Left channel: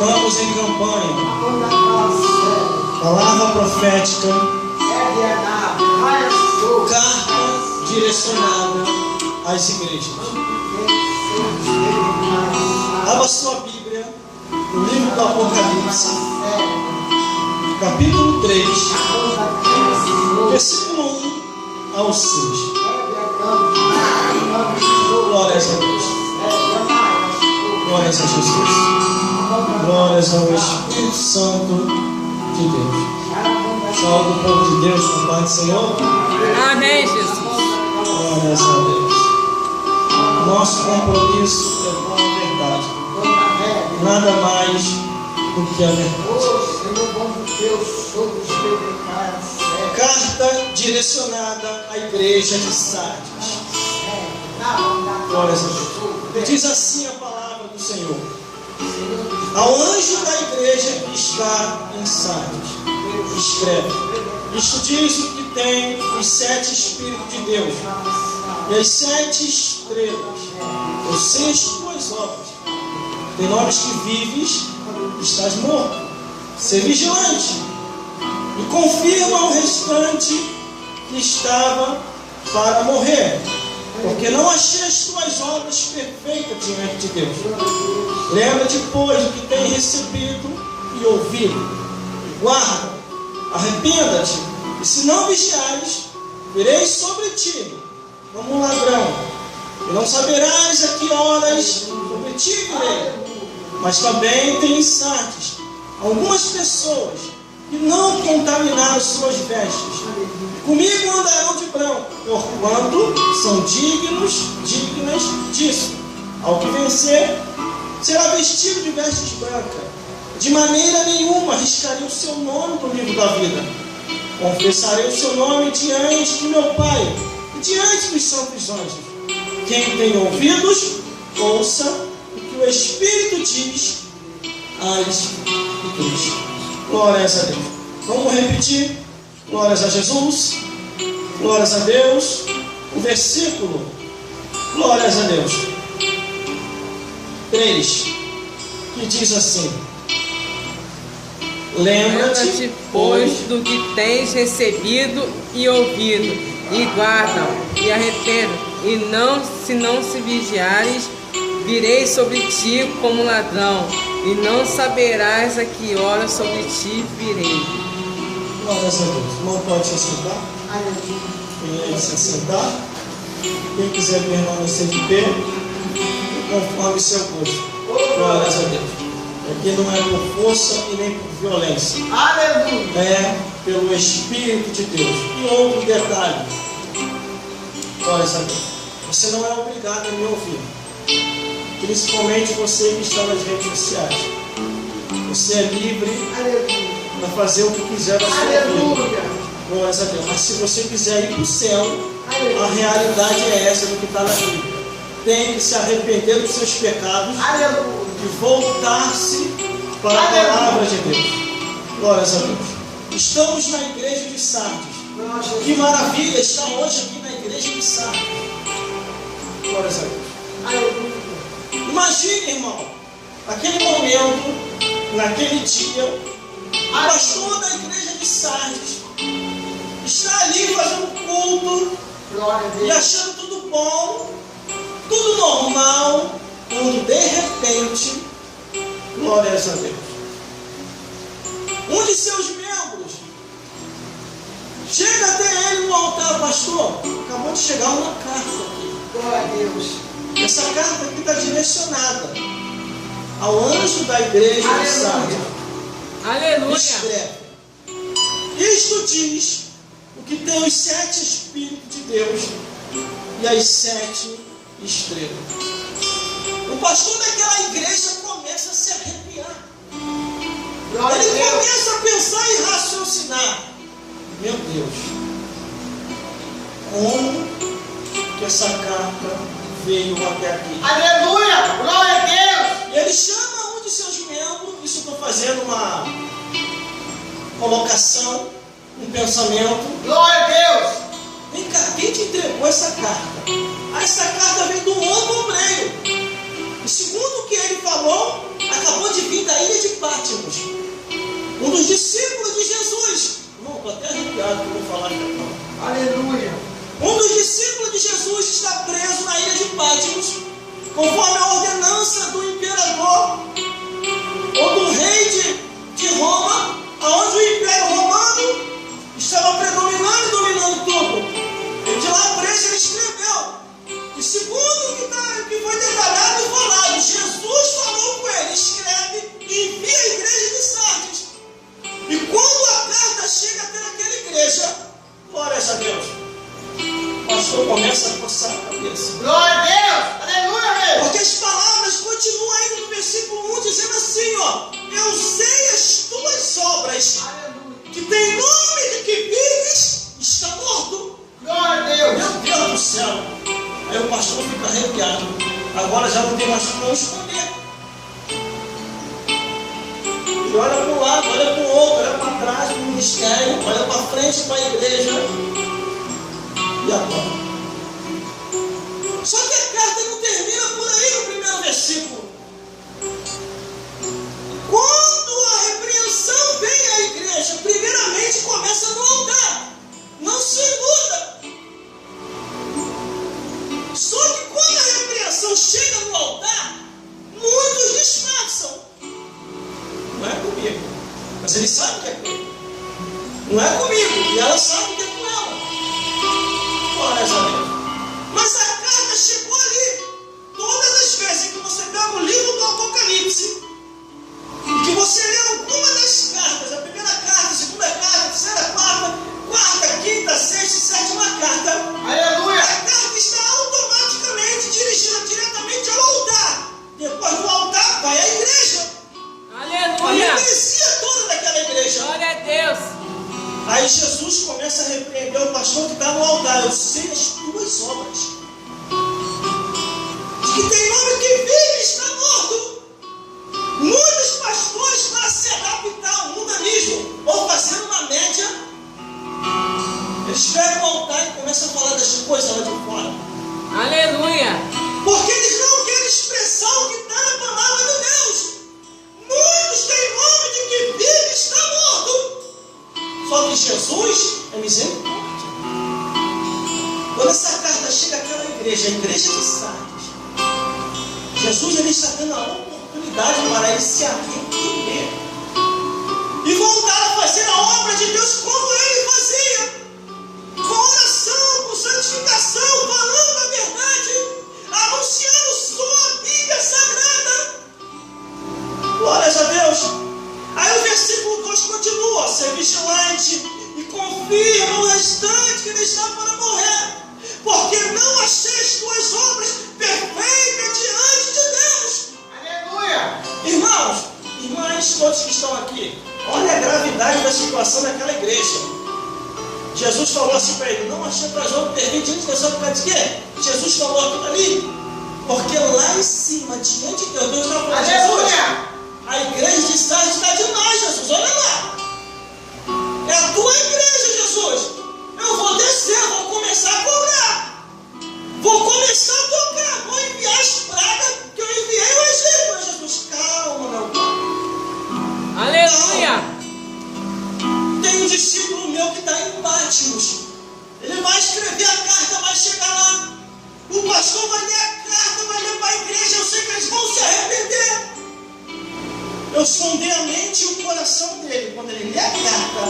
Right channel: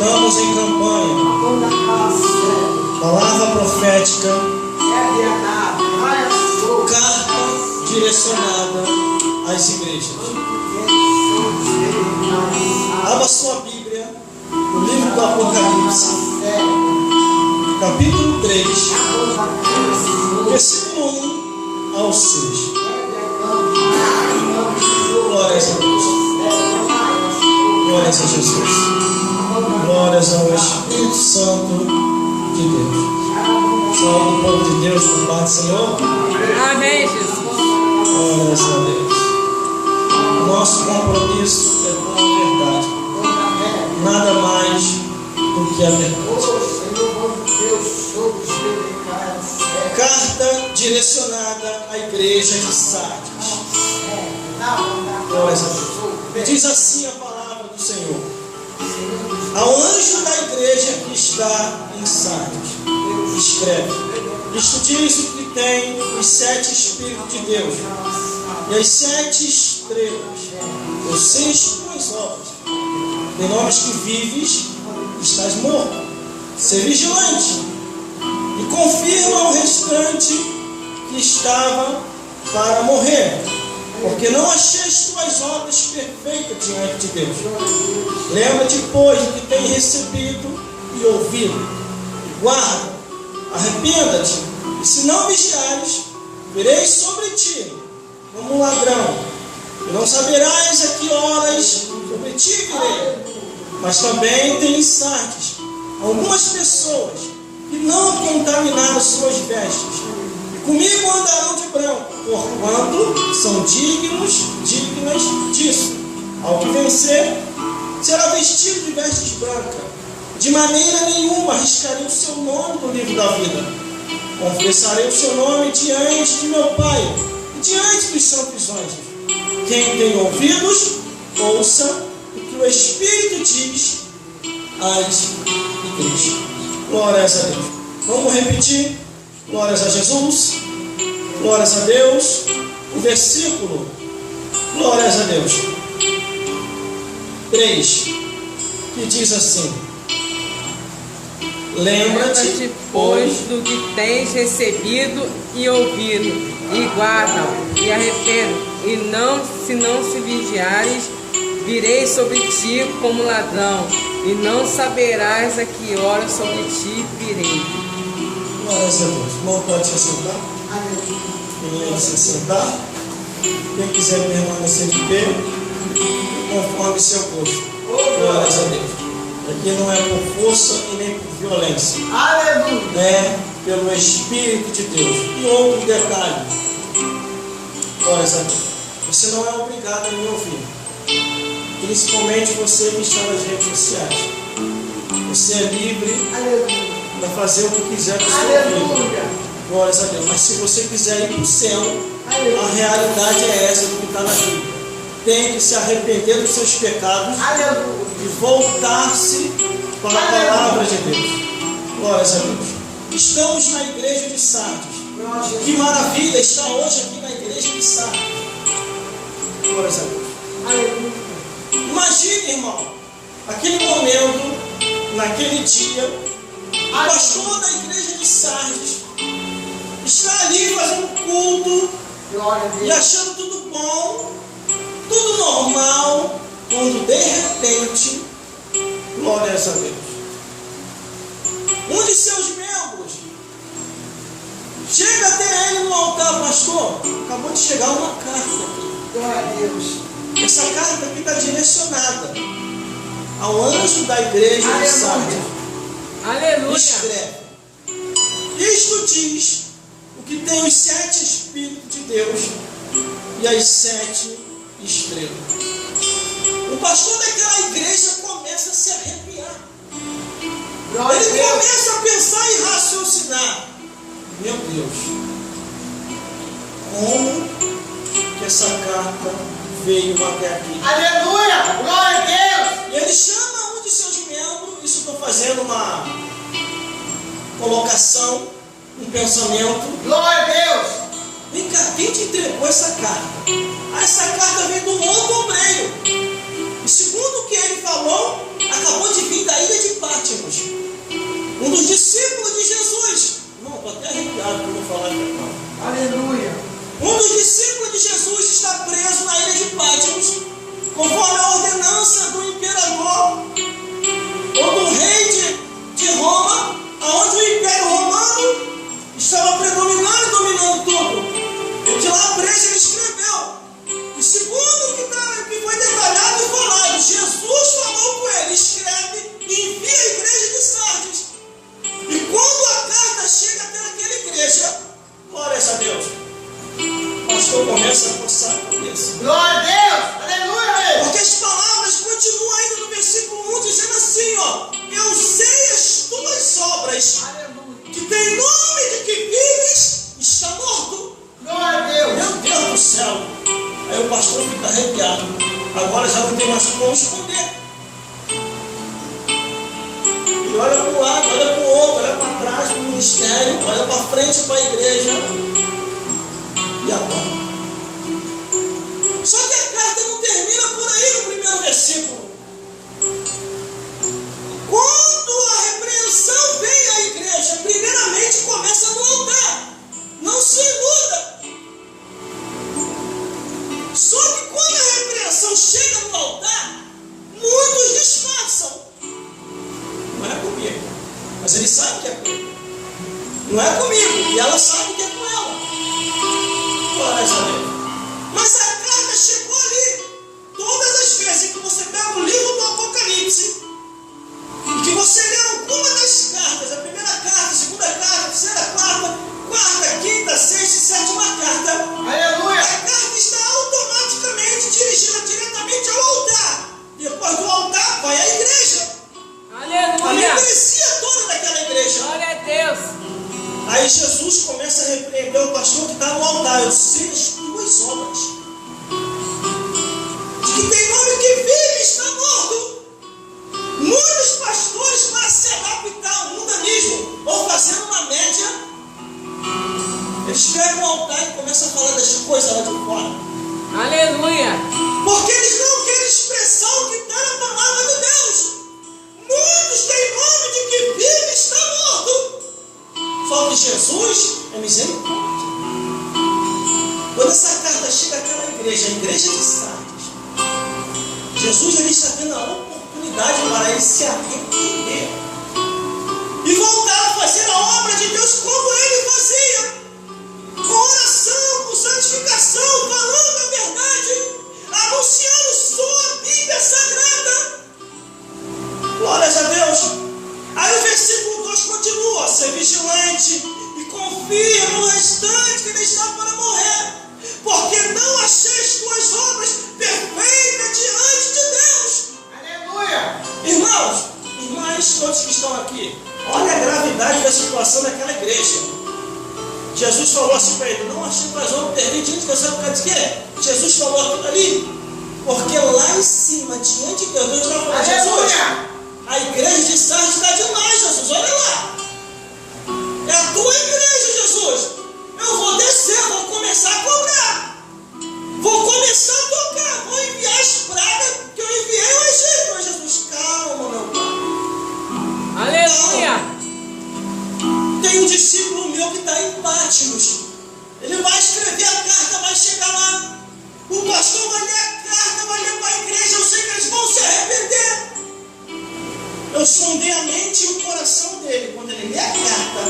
Estamos em campanha. Palavra profética. Carta direcionada às igrejas. Abra sua Bíblia no livro do Apocalipse, capítulo 3, versículo 1 ao 6. Glórias a Deus. Glórias a Jesus. Glórias ao Espírito Santo de Deus. Salve o povo de Deus com paz do Senhor. Amém, Jesus. Glórias a Deus. Nosso compromisso é com a verdade. Nada mais do que a verdade. Carta direcionada à igreja de Sardes. Glórias a Deus. Diz assim a palavra do Senhor: ao anjo da igreja que está em Sardes, escreve: isto diz o que tem os 7 Espíritos de Deus e as 7 estrelas. Eu sei as tuas obras. Tem nomes que vives, estás morto. Ser vigilante e confirma ao restante que estava para morrer, porque não achei as tuas obras perfeitas diante de Deus. Lembra-te, pois, do que tem recebido e ouvido, e guarda, arrependa-te, e se não vigiares, virei sobre ti como um ladrão, e não saberás a que horas sobre ti virei. Mas também tem em Sardes algumas pessoas que não contaminaram suas vestes, e comigo andarão de branco, porquanto são dignas disso. Ao que vencer, será vestido de vestes brancas. De maneira nenhuma arriscarei o seu nome do livro da vida. Confessarei o seu nome diante de meu Pai e diante dos santos anjos. Quem tem ouvidos, ouça o que o Espírito diz às igrejas. Glórias a Deus. Vamos repetir. Glórias a Jesus. Glórias a Deus. O versículo. Glórias a Deus. 3. Que diz assim: lembra-te, pois, do que tens recebido e ouvido, e guarda e arrependa, e se não se vigiares, virei sobre ti como ladrão, e não saberás a que hora sobre ti virei. Glórias a Deus. Irmão, pode se sentar? Quem se sentar? Quem quiser permanecer de pé, conforme seu gosto. Glórias a Deus. Aqui não é por força e nem por violência. Aleluia. É pelo Espírito de Deus. E outro detalhe. Glórias a Deus. Você não é obrigado a me ouvir. Principalmente você que está nas redes sociais. Você é livre para fazer o que quiser na sua vida. Glórias a Deus. Mas se você quiser ir para o céu, a realidade é essa do que está na Bíblia. Tem que se arrepender dos seus pecados e voltar-se para a palavra de Deus. Glórias a Deus. Estamos na igreja de Sardes. Que maravilha estar hoje aqui na igreja de Sardes. Glórias a Deus. Imagine, irmão, aquele momento, naquele dia, o pastor da igreja de Sardes está ali fazendo culto e achando tudo bom, tudo normal, quando de repente, glórias a Deus, um de seus membros chega até ele no altar: pastor, acabou de chegar uma carta aqui. Glória a Deus. Essa carta aqui está direcionada ao anjo da igreja de Sardes. Aleluia. Escreve: isto diz o que tem os 7 Espíritos de Deus e as 7 estrelas. O pastor daquela igreja começa a se arrepiar. Ele começa a pensar e raciocinar: meu Deus, como que essa carta veio até aqui? Aleluia! Glória a Deus! E ele chama um de seus membros. Isso estou fazendo uma colocação, um pensamento. Glória a Deus! Vem cá, quem te entregou essa carta? Essa carta veio de um outro obreiro. E segundo o que ele falou, acabou de vir da ilha de preso na ilha de Patmos, conforme a ordenança do imperador ou do rei de Roma, onde o Império Romano estava predominando e dominando tudo. E de lá preso ele escreveu. E segundo o que foi detalhado e falado, Jesus falou com ele: escreve e envia a igreja de Sardes. E quando a carta chega até aquela igreja, glórias a Deus, o pastor começa a coçar a cabeça. Glória a Deus! Aleluia! Porque as palavras continuam ainda no versículo 1 dizendo assim, ó: eu sei as tuas obras, que tem nome de que vives, está morto. Glória a Deus! Meu Deus do céu! Aí o pastor fica arrepiado. Agora já não tem mais como esconder. Ele olha para um lado, olha para o outro, olha para trás do ministério, olha para frente para a igreja. E agora? Só que a carta não termina por aí no primeiro versículo. Quando a repreensão vem à igreja, primeiramente começa no altar. Não se iluda. Só que quando a repreensão chega no altar, muitos disfarçam. Não é comigo, mas ele sabe que é comigo. Não é comigo, e ela sabe que é com ela. Glórias a Deus. Mas a carta chegou ali. Todas as vezes que você pega o livro do Apocalipse e que você lê alguma das cartas, a primeira carta, a segunda carta, a terceira, quarta, quinta, sexta e sétima carta, Aleluia! a carta está automaticamente dirigida diretamente ao altar. Depois do altar vai à igreja. A Aleluia! membresia toda daquela igreja. Glória a Deus! Aí Jesus começa a repreender o pastor que está no altar. Eu sei as tuas obras, de que tem nome que vive, está morto. Muitos pastores, para se adaptar ao mundanismo ou fazer uma média, eles pegam o altar e começam a falar das coisas lá de fora. Aleluia! Porque eles não querem expressar o que está na palavra de Deus. Muitos têm nome de que vive, está morto. Só que Jesus é misericórdia. Quando essa carta chega àquela igreja, a igreja de Sardes, Jesus ele está tendo a oportunidade para ele se arrepender e voltar a fazer a obra de Deus como ele fazia, com oração, com santificação, falando a verdade, anunciando sua Bíblia Sagrada. Glórias a Deus. Aí o versículo 2 continua: ser vigilante e confirma o restante que ele está para morrer, porque não achei as tuas obras perfeitas diante de Deus. Aleluia! Irmãos, irmãs, todos que estão aqui, olha a gravidade da situação daquela igreja. Jesus falou assim para ele: não achei tuas obras perfeitas diante de Deus. Sabe por causa de quê? Jesus falou aquilo ali, porque lá em cima, diante de Deus, Deus está falando: Jesus, a igreja de Sardes está demais, Jesus, olha lá. É a tua igreja, Jesus. Eu vou descer, vou começar a cobrar. Vou começar a tocar, vou enviar as pragas que eu enviei ao Egito. Mas Jesus, calma, meu pai. Aleluia! Tem um discípulo meu que está em Patmos. Ele vai escrever a carta, vai chegar lá. O pastor vai ler a carta, vai ler para a igreja. Eu sei que eles vão se arrepender. Eu sondei a mente e o coração dele. Quando ele lê a carta,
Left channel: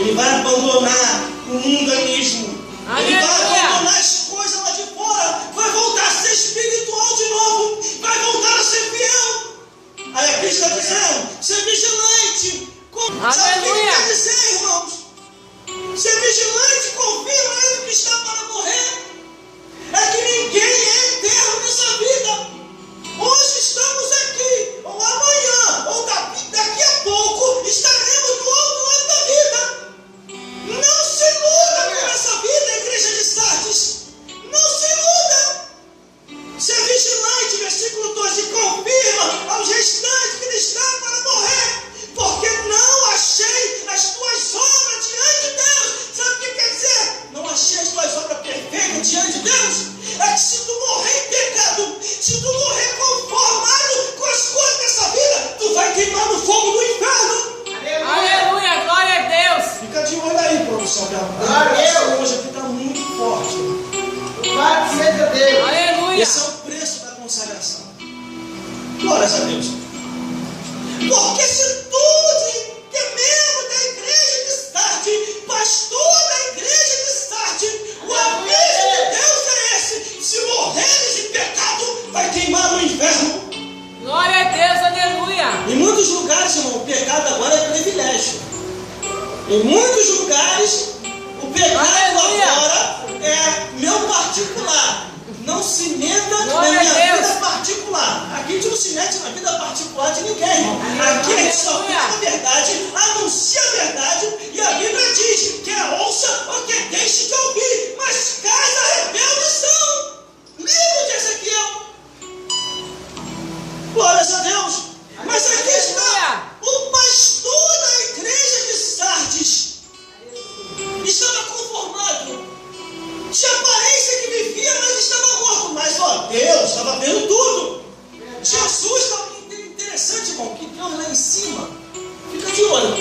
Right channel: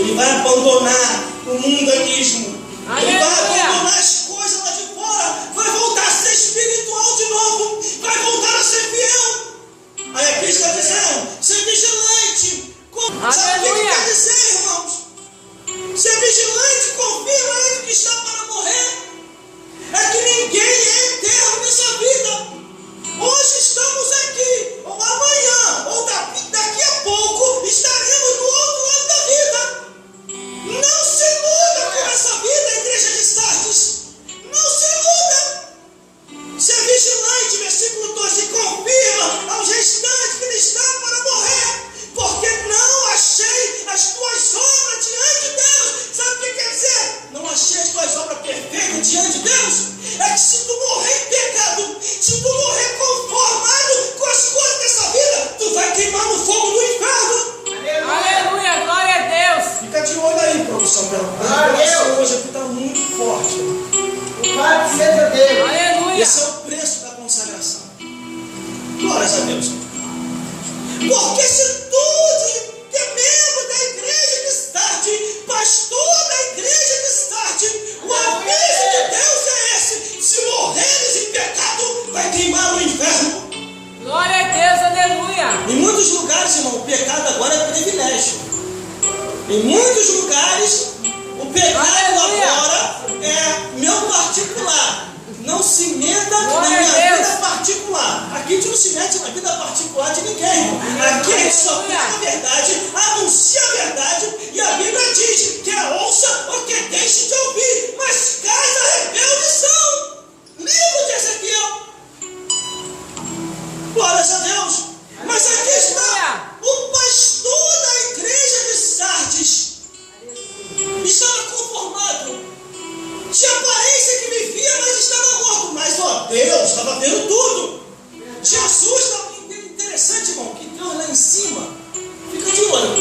ele vai abandonar o mundanismo. Ele vai abandonar as coisas lá de fora. Vai voltar a ser espiritual de novo. Vai voltar a ser fiel. Aí aqui está dizendo: ser vigilante. Sabe o que quer dizer, irmãos? Ser vigilante confirma ele que está para morrer. É que ninguém é eterno nessa vida. Hoje estamos aqui, ou amanhã, ou daqui a pouco estaremos do outro lado da vida. Não se iluda com essa vida, igreja de Sardes. Não se iluda. Ser vigilante, versículo 2, e confirma aos restantes que ele está para morrer, porque não achei as tuas obras diante de Deus. Sabe o que quer dizer? Não achei as tuas obras perfeitas diante de Deus. É que se tu morrer em pecado, se tu morrer conformado com as coisas dessa vida, tu vai queimar no fogo do inferno. Aleluia! Glória a Deus! Fica de olho aí, produção. Glória a Deus. Hoje aqui está muito forte. Louvado seja Deus! Porque se tu, que é membro da igreja de Start, pastor da igreja de Start, o aviso de Deus é esse: se morreres em pecado, vai queimar no inferno. Glória a Deus, aleluia. Em muitos lugares, irmão, o pecado agora é privilégio. Em muitos lugares, o pecado agora é meu particular. Não se meta na minha vida particular. Aqui a gente não se mete na vida particular de ninguém, irmão. Aqui a gente só prega a verdade, anuncia a verdade, e a Bíblia diz: quer ouça ou quer deixe de ouvir, mas cai da rebeldição. Livro de Ezequiel. Glórias a Deus. Mas aqui está o pastor da igreja de Sardes. Estava conformado. Tinha aparência que vivia, mas estava morto. Mas, ó, Deus estava vendo tudo. Jesus estava interessante, irmão, que Deus lá em cima fica de olho.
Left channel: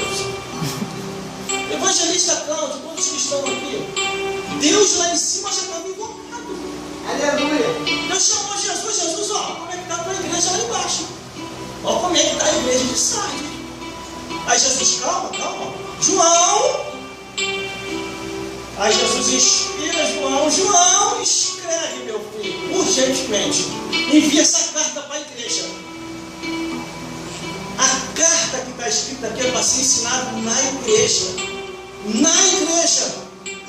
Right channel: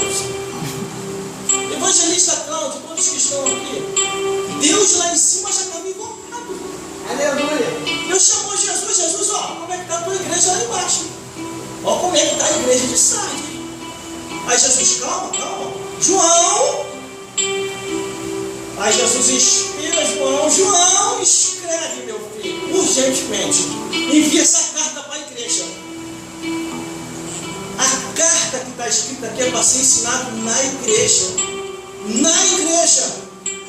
Evangelista Cláudio, todos que estão aqui, Deus lá em cima já estava invocado. Aleluia. Deus chamou Jesus: Jesus, ó, como é que está a tua igreja lá embaixo? Ó, como é que está a igreja de Sardes? Aí Jesus: calma, calma. João. Aí Jesus inspira João, escreve, meu filho, urgentemente. Envia essa carta para a igreja. A carta que está escrita aqui é para ser ensinada na igreja. Na igreja.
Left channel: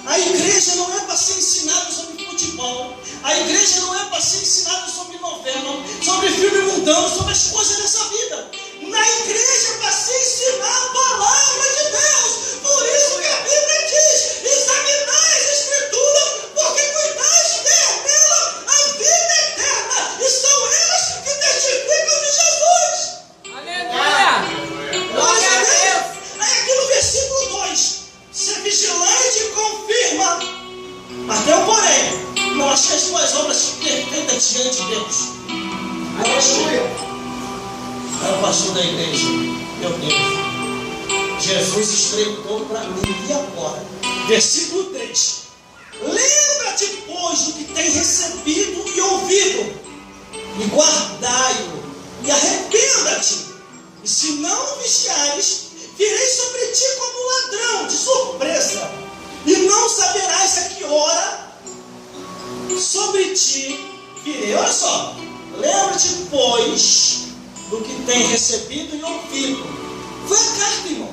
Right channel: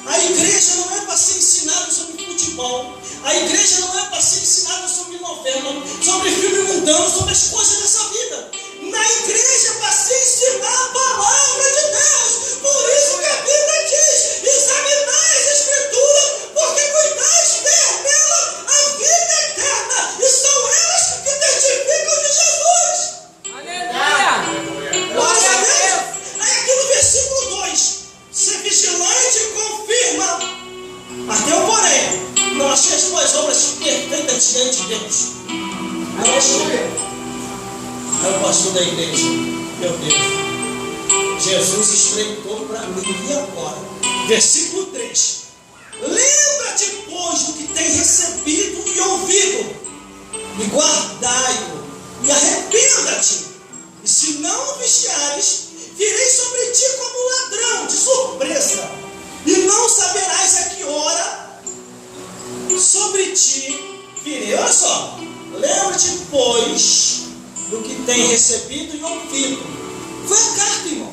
A igreja não é para ser ensinada sobre futebol. A igreja não é para ser ensinada sobre novela, sobre filme mundano, sobre as coisas dessa vida. Na igreja é para se ensinar a palavra de Deus. Por isso que a Bíblia diz: examinai as Escrituras, porque cuidais ter nela a vida eterna. E são elas que testificam de Jesus. Aleluia. Glória a Deus. Aí aqui no versículo 2: ser vigilante confirma. Mas tem um porém: não achei as tuas obras perfeitas diante de Deus. Aleluia. Aí o pastor da igreja: meu Deus, Jesus estreitou para mim. E agora? Versículo 3: lembra-te, pois, do que tem recebido e ouvido, e guardai-o, e arrependa-te. E se não vigiares, virei sobre ti como ladrão, de surpresa, e não saberás a que hora sobre ti virei. Olha só: lembra-te, pois, do que tem recebido e ouvido. Foi a carta, irmão.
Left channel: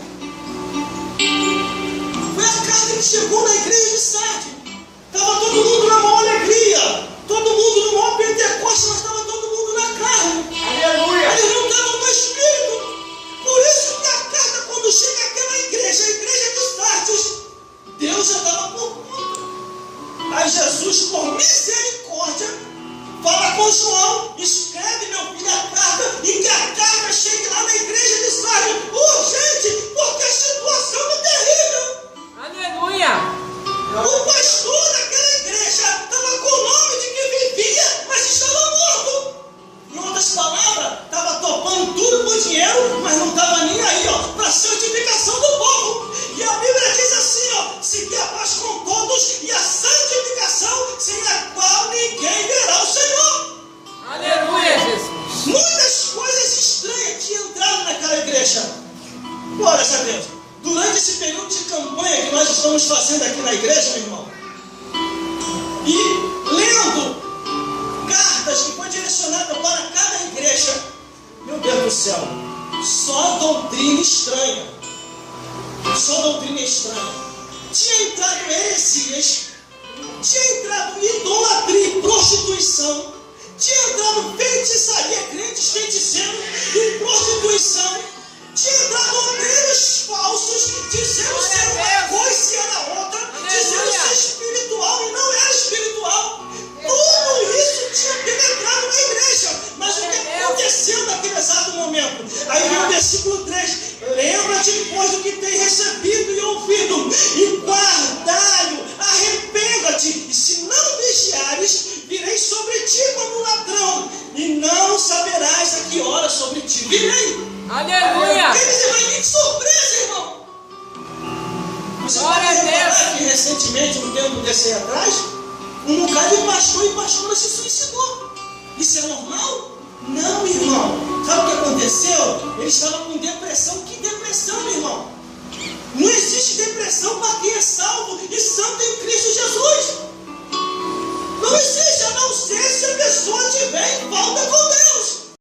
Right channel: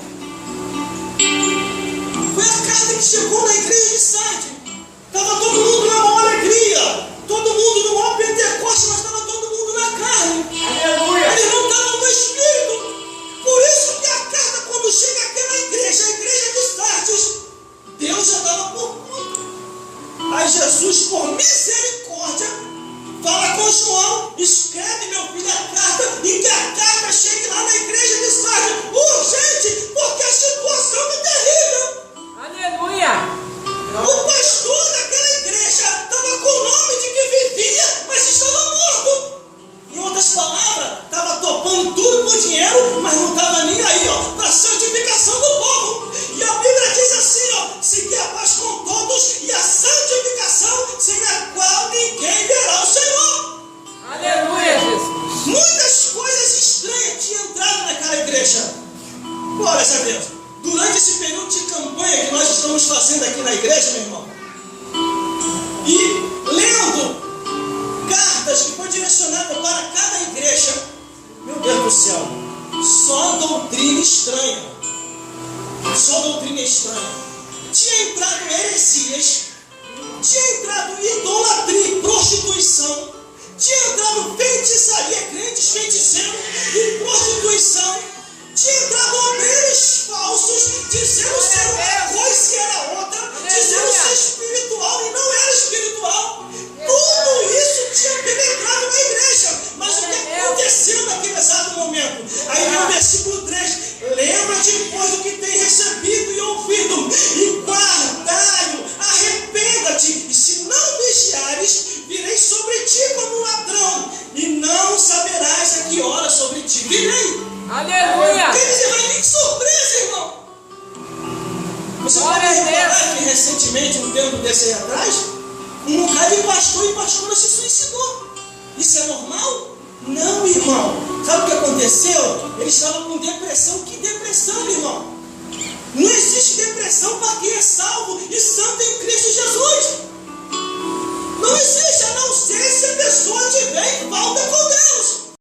Foi a carta que chegou na igreja de Sardes. Estava todo mundo na maior alegria, todo mundo no maior Pentecoste, mas estava todo mundo na carne. Aleluia. Eles não estavam no espírito. Por isso que a carta, quando chega àquela igreja, a igreja de Sardes, Deus já estava por conta. Aí Jesus, por misericórdia, fala com João: escreve, meu filho, a carta, e que a carta chegue lá na igreja de Sardes, urgente, porque a situação é terrível. Aleluia. O pastor daquela igreja estava com o nome de que vivia, mas estava morto. Em outras palavras, estava topando tudo por dinheiro, mas não estava nem aí, ó, para a santificação do povo. E a Bíblia diz assim, ó: seguir a paz com todos e a santificação, sem a qual ninguém verá o Senhor. Aleluia, Jesus. Muitas coisas estranhas tinham entrado naquela igreja. Glórias a Deus. Durante esse período de campanha que nós estamos fazendo aqui na igreja, meu irmão, e lendo cartas que foi direcionada para cada igreja, meu Deus do céu, só doutrina estranha. Só doutrina estranha. Tinha entrado heresias, tinha entrado idolatria e prostituição, tinha entrado feitiçaria, crentes feiticeiros e prostituição. Tinha entrado obreiros falsos, dizendo ser uma coisa e era outra, dizendo ser espiritual e não era espiritual. Tudo isso tinha penetrado na igreja. Mas o que aconteceu naquele exato momento? Aí vem o versículo 3: lembra-te, pois, do que tem recebido e ouvido, e guardai-o, arrependa-te, e se não vigiares, virei sobre ti como ladrão, e não saberás a que hora sobre ti virei. Aleluia. Quer dizer, vai vir de surpresa, irmão. Você pode reparar que recentemente, um tempo desse aí atrás, um bocado de pastor e pastora se suicidou. Isso é normal? Não, irmão. Sabe o que aconteceu? aconteceu? Eles estavam com depressão. Que depressão, meu irmão? Não existe depressão para quem é salvo e